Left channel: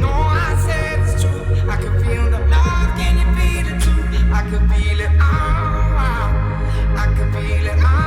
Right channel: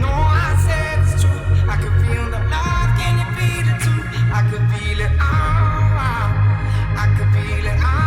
know I said it's true. I can feel the love, can you feel it too? I can feel it all. I can feel it all.